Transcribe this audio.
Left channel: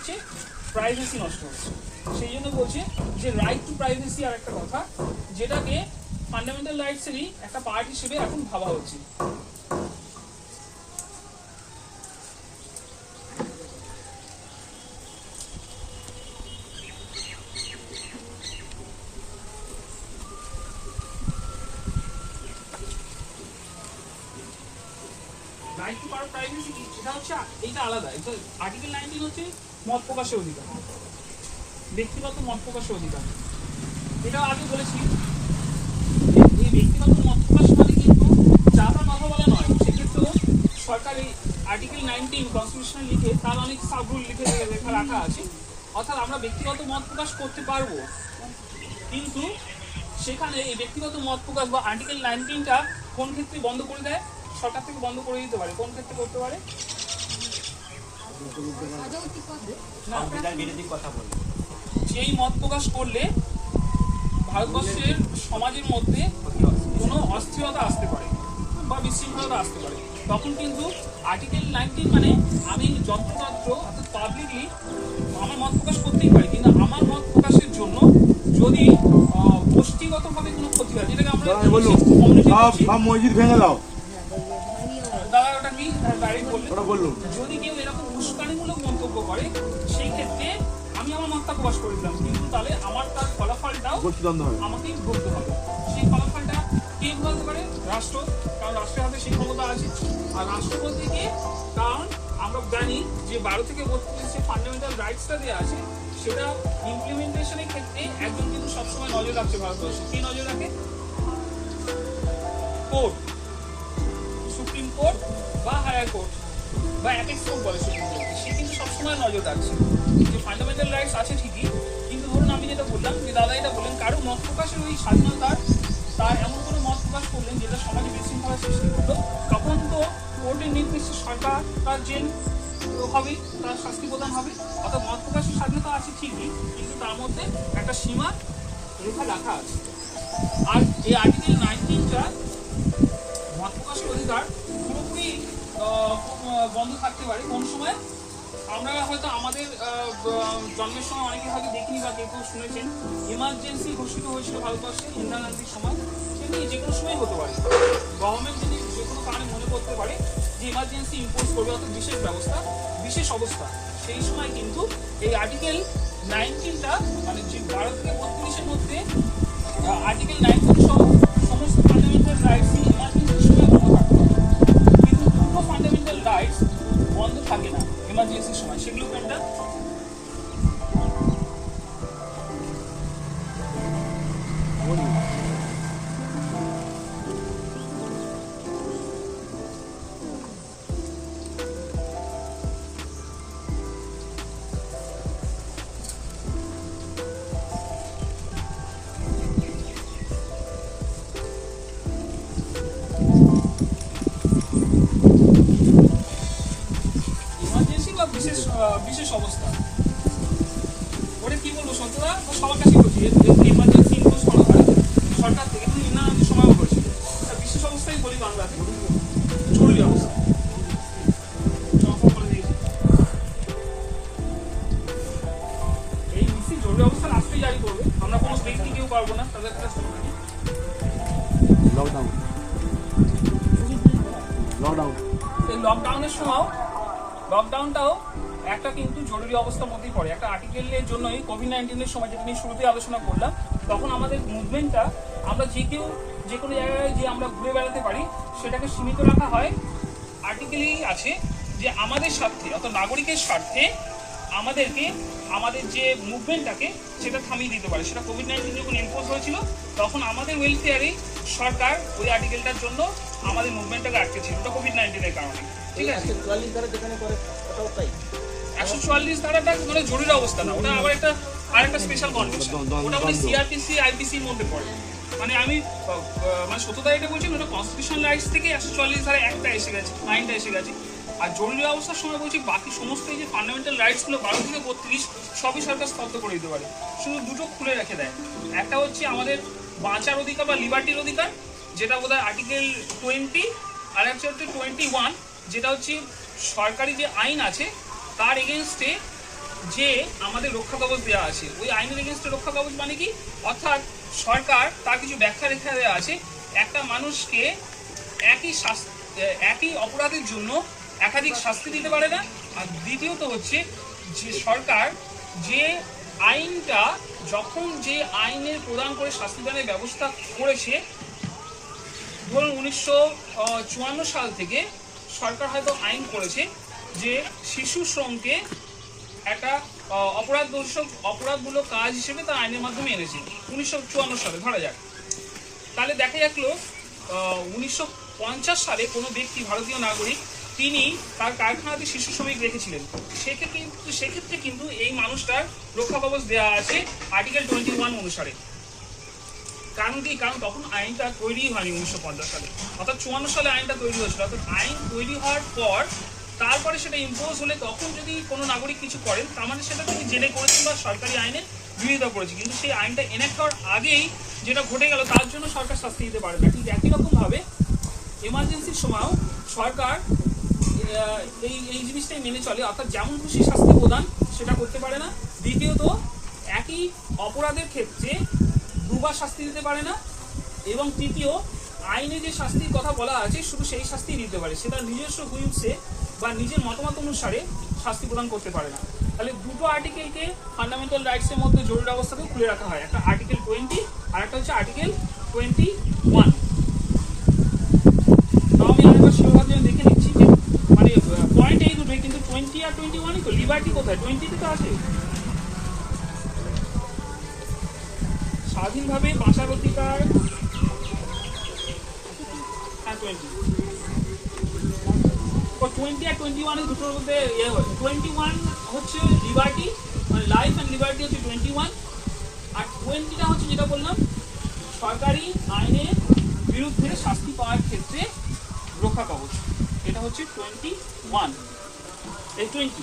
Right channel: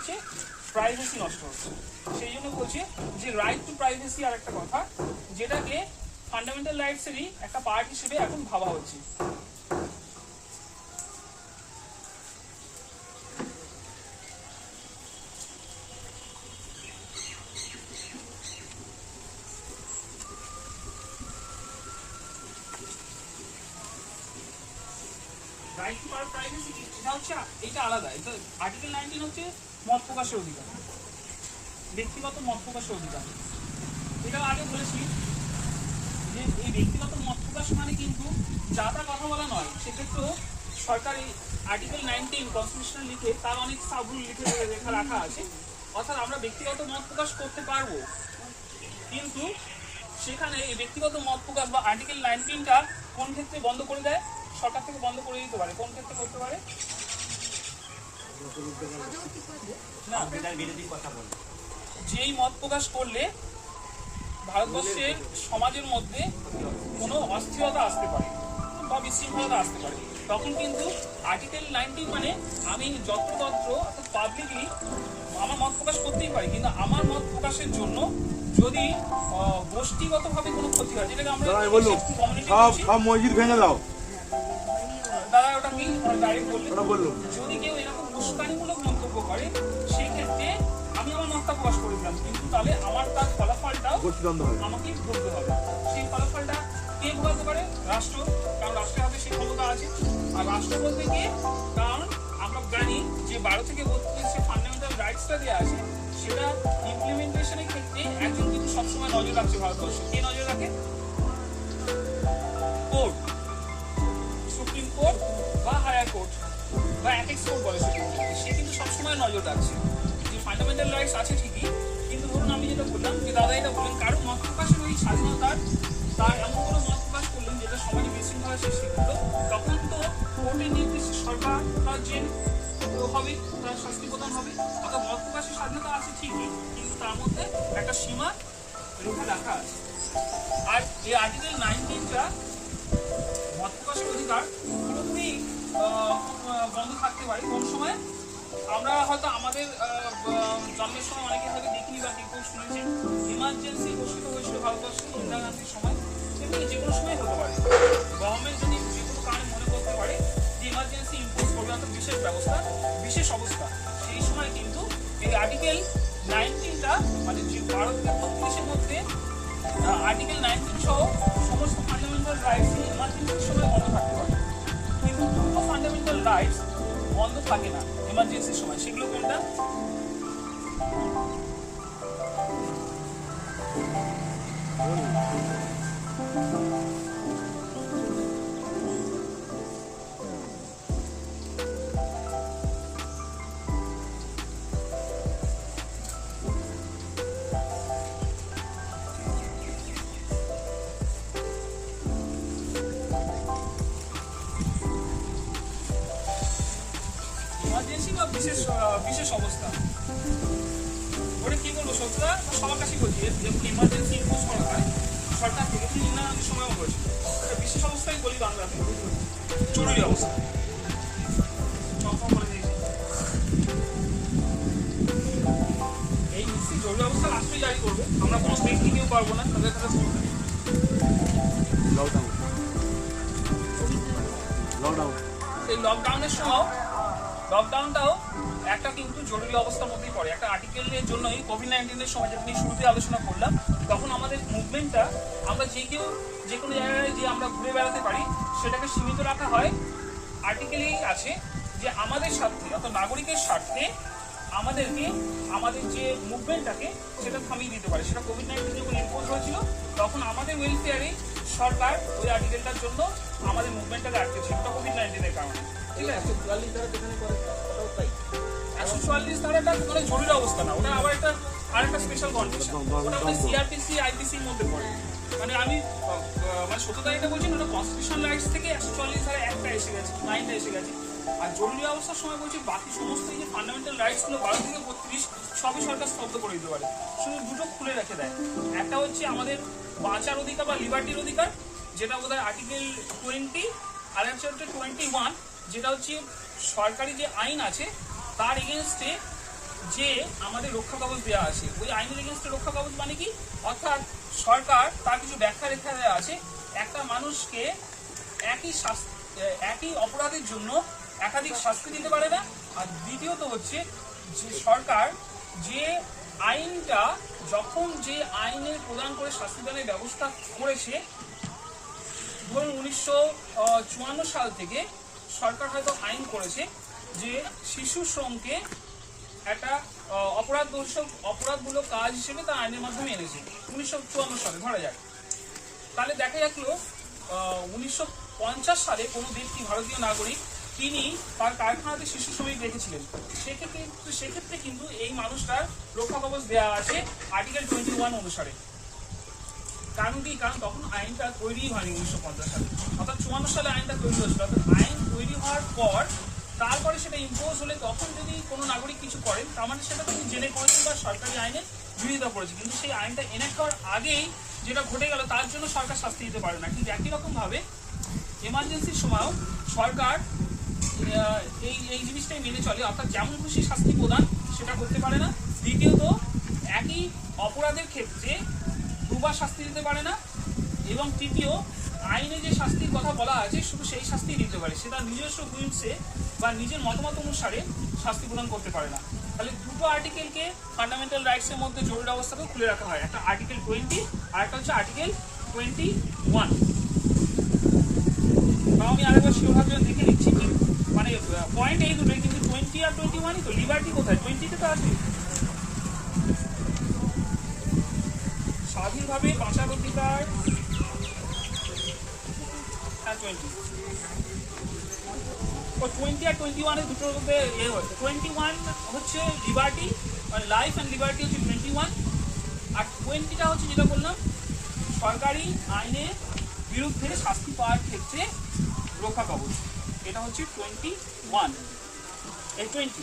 হচ্ছে প্রাইভেসি নষ্ট হচ্ছে। সেই জন্য বলছে যে রাইট টু প্রাইভেসি আর একটা কথা, যেটাকে ফান্ডামেন্টাল রাইটসেরই একটা পার্ট হিসেবে এখন ভাবা হচ্ছে। রাইট টু প্রাইভেসি কি? সেটা হচ্ছে এইটা আলাদা। এটা আর্টিকেল নাইনটিন হচ্ছে মত প্রকাশের অধিকার। ব্যক্তিগত মত প্রকাশের অধিকার। এটা আগে বলেছি। এই ব্যক্তিগত মত প্রকাশ মানে কিন্তু যা তা কথা বলা নয়, সেক্ষেত্রেও সরকার এই আর্টিকেল নাইনটিন কনস্টিটিউশন লিখে তার অনেক সাবরুল লিখে লেখা রাখা আছে। অর্থাৎ আমরা ব্যক্তিগত মত প্রকাশ করতে পারব। কিন্তু সেখানে এই ব্যক্তিগত মত প্রকাশ বা আর্টিকেল নাইনটিনটা কোন ক্ষেত্রে বন্ধ করে দেয়? সরকার থেকে বন্ধ করে দিতে পারে কোন ক্ষেত্রে করতে পারে? না। যেই মত প্রকাশ করলে ভারতবর্ষের সমাজের মধ্যে কোনো অস্থিরতা আসতে পারে বা বিশৃঙ্খলতা আসতে পারে। তখন কিন্তু আর্টিকেল নাইনটিন মানে আমি যত্রতত্র অর্থাৎ পাবলিকলি আমার মত প্রকাশ করতেই পারি কিন্তু আমার মত প্রকাশের জন্য যদি গোষ্ঠীগতভাবে কোনো ক্ষতি হয় যেটাকে আমরা সব মসজিদ ভেঙে দাও। যদি কেউ এরকম উস্কানিমূলক মন্তব্য করে সেই ক্ষেত্রে আমি আমার মতটা প্রকাশ করে দিলাম। কিন্তু তাহলে আমার তার ফলাফলটাও আমাকেই ভুগতে হবে। সেই ফলাফলটা কে ভোগাতে পারে? রাষ্ট্র। কারণ রাষ্ট্রের হাতে সেই ক্ষমতা আছে। আর রাষ্ট্র বলতে গিয়ে কারণ আমরা জানি যে বারো থেকে বত্রিশ যে ফান্ডামেন্টাল রাইটসটা দেওয়া আছে সেটা ইমপ্লিমেন্টেশনের ক্ষেত্রে একজন কিন্তু সবসময় নজর রাখছে ভারতবর্ষে। শাস্তি প্রদান হবে। অর্থাৎ মত প্রকাশের স্বাধীনতা আছে ঠিকই, কিন্তু তার মধ্যে একটা সীমা রেখা রাখা আছে। আর এই আর্টিকেল নাইনটিনটা মত প্রকাশের অধিকার পুরোপুরি বন্ধ থাকতে পারে। কোন সময়? আমরা হয়তো আমাদের জন্মের সময় অনেকে হয়তো দেখিনি বা কেউ কেউ শুনেছেন ইমার্জেন্সি ঘোষিত হয়েছিল ভারতবর্ষে ইন্দিরা গান্ধীর সময়। তেমনি যে কোনো সময় হতে পারে। গভর্নমেন্ট যদি যে কোনো কারণে মনে করতে পারে ইমার্জেন্সি ইম্পোজ করবে অর্থাৎ বিশেষ ব্যবস্থা, বিশেষ অবস্থা। সেই সময় কিন্তু এই আর্টিকেল নাইনটিনটা মানে যে বারো বত্রিশের মধ্যে আর্টিকেল নাইনটিন সহ সমস্ত ফান্ডামেন্টাল রাইটস ইমার্জেন্সির সময় বন্ধ থাকতে পারে। কিন্তু পুরো ফান্ডামেন্টাল রাইটস বন্ধ থাকে না ইমার্জেন্সির সময়। সেগুলো কোনটা অবস্থা। ওটা কি বলব সন্তরা সবার কাছে বলছি ইমার্জেন্সি ইম্পোজ সরকার থেকে কিন্তু গান্ধীর সময়ও করেছে বিশেষ অবস্থায় বলি বাংলাতে। জরুরি অবস্থা। রাষ্ট্রই জারি করবে। আমরা কোনো ব্যক্তি কেউ পারব না তাদের কাছে লকডাউন লকডাউন এই লকডাউনের সময় লকডাউনটাও একটা কিন্তু জরুরি অবস্থার মধ্যেই পড়ে। একটা আর্টিকেলের জন্যই কোভিড নাইন্টিনের সময় যেটা নিয়ে শুরুতে আলোচনা করলাম, তখন আমাদের মুভমেন্টটা আমরা যে কেউ যে কোনো জায়গায় যে আমরা ঘুরে বেড়াতে পারি, সেটাকে সীমিত রাখা হয়। আর্টিকেলেই আছে যে আমাদের স্বার্থে, অর্থাৎ নাগরিকের স্বার্থে আমাদেরকে, আমাদের যে মুভমেন্টটাকে সেটা থামিয়ে দিতে পারে। সেটা কোভিড নাইন্টিন যখন ইম্পোজ হয়েছিল, তখন আমাদের ওয়েলফেয়ারেই সরকার ওই আর্টিকেলটার জন্য আমাদের মুভমেন্টটাকে আটকেছিল ওটা কোভিড নাইন্টিনের কারণে। ঠিক আছে? একশো চুয়াল্লিশ ধারাটা মানে জরুরি অবস্থা না। ওটা আবার একটা আর একটা স্পেশাল কন্ডিশন ওটা মানে। সিআরপিসি আইপিসির মধ্যে পড়ে। মানে আমি মানে সত্যতা এটা বলছি ওটা কনস্টিটিউশন রাইটস থেকে একশো চুয়াল্লিশ ধারা একটা এসে গেছে নাইনটা এসে গেছে। আর জরুরি অবস্থার সময় বলছি বাকি সমস্ত এই যে ফান্ডামেন্টাল রাইটসগুলো বারো থেকে বত্রিশ সবই সরকার স্তব্ধ করে দিতে পারে। শুধু দুটো খুলে রেখে দেয়। একটা হচ্ছে আমাদের বাঁচার অধিকার বা লিবার্টির অধিকার যেটা বোধ হয় আর্টিকেল টোয়েন্টি আর একটা হচ্ছে টোয়েন্টি ওয়ান যেটা হচ্ছে সরকারি যে আইন আছে তার এগেনস্টে যে আমাদের রক্ষা কবচ দেওয়া আছে। ওই আইনের এগেনস্টে রক্ষা কবচ মানে কি? অর্থাৎ সরকার তার কিছু ব্যাখ্যা রেখা দেওয়া আছে। একটা মানুষকে একই শাস্তি, একই অপরাধের জন্য একাধিক শাস্তি দিতে পারে না। আর দ্বিতীয়ত হচ্ছে যে সরকার যে আইনটা, যখন যে আইনের প্রদান করে শাস্তি শাস্তিদানের ব্যবস্থা করেছে, ধরুন উনিশশো চুয়ান্ন সাল থেকে সরকার হয়তো আইন করেছে। যে শিশু শ্রমকে একটা অপরাধ দর্শক অপরাধমূলক কাজ হিসেবে তা আইনের মাধ্যমে এনেছে। উনিশশো চুয়ান্ন সালে, ধরা যাক। তাহলে দেখা গেল উনিশশো পঞ্চাশ সালে কোনো ব্যক্তি, ভারতীয় নাগরিক, তিনি তার কারখানাতে শিশু শ্রমিক রেখেছিলেন। সেক্ষেত্রে কিন্তু সেক্ষেত্রে কিন্তু এই মানুষটার রক্ষা কবচ দেওয়া আছে আর্টিকেল টোয়েন্টি ওয়ান অনুসারে। কারণ কি? কারণ তখন আইনটা তৈরি হয়নি উনিশশো পঞ্চাশ সালে। অর্থাৎ চুয়ান্ন সালে আইনটা তৈরি হয়েছিল। অর্থাৎ আইন তৈরি হওয়ার পর তারপরে সেটা ইম্পোজ হলে তখন যদি কোনো নাগরিক কিছু করেন, তার মানে সেটা তিনি জেনে করেছেন বা সরকারি আইনে বিরোধিতা করেছে। কিন্তু সেই আইনটা এনেক্ট করার আগেই যেটা ঘটে গেল, তার জন্য সরকার শাস্তি দিতে পারে না। ঠিক একই রকমভাবে এমার্জেন্সির সময়ও সরকার এই এই জিনিসটাই মেনে চলে। অর্থাৎ যেমন খুশি শাস্তি প্রদান সেটা করতে পারে না। দ্বিতীয়ত, একই অপরাধের ক্ষেত্রে দুবার শাস্তি দিতে পারে না। এবং তৃতীয়, আইনে যে শাস্তির কথা বলা আছে, শুধু সেই শাস্তি দিতে পারে। সেটা নিজস্ব হুইমসে বা নিজের মতামত অনুসারে শাস্তি প্রদান করতে পারে না। তাহলে দুটো আর্টিকেলকে ফান্ডামেন্টাল রাইটসের মধ্যে জরুরি অবস্থাকেও খুলে রাখা হয়। একটা আর্টিকেল টোয়েন্টি আর একটা হচ্ছে আর্টিকেল টোয়েন্টি ওয়ান তাও আমি আরেকবার শিরোভাগ দেখে নিচ্ছি যে মানে পয়েন্ট এই দুটোই, কিন্তু টোয়েন্টি আর টোয়েন্টি ওয়ানই তো লিবার্টি কোথায়? টোয়েন্টিতে তো আছে। স্বাধীনভাবে বাঁচার অধিকার হ্যাঁ টোয়েন্টি ও টোয়েন্টি আর টোয়েন্টি ওয়ানের দুটোর মধ্যে ইয়ে হয়। টোয়েন্টি ওয়ান হচ্ছে লিবার্টি মানে লাইফ অ্যান্ড লিবার্টি হচ্ছে টোয়েন্টি ওয়ান আর টোয়েন্টিটা হচ্ছে যেটা বললাম, সরকারি আইনের বিরুদ্ধে শাস্তি পাওয়ার ক্ষেত্রে রক্ষা কবচ। এটা হচ্ছে টোয়েন্টি ওয়ান এই টোয়েন্টি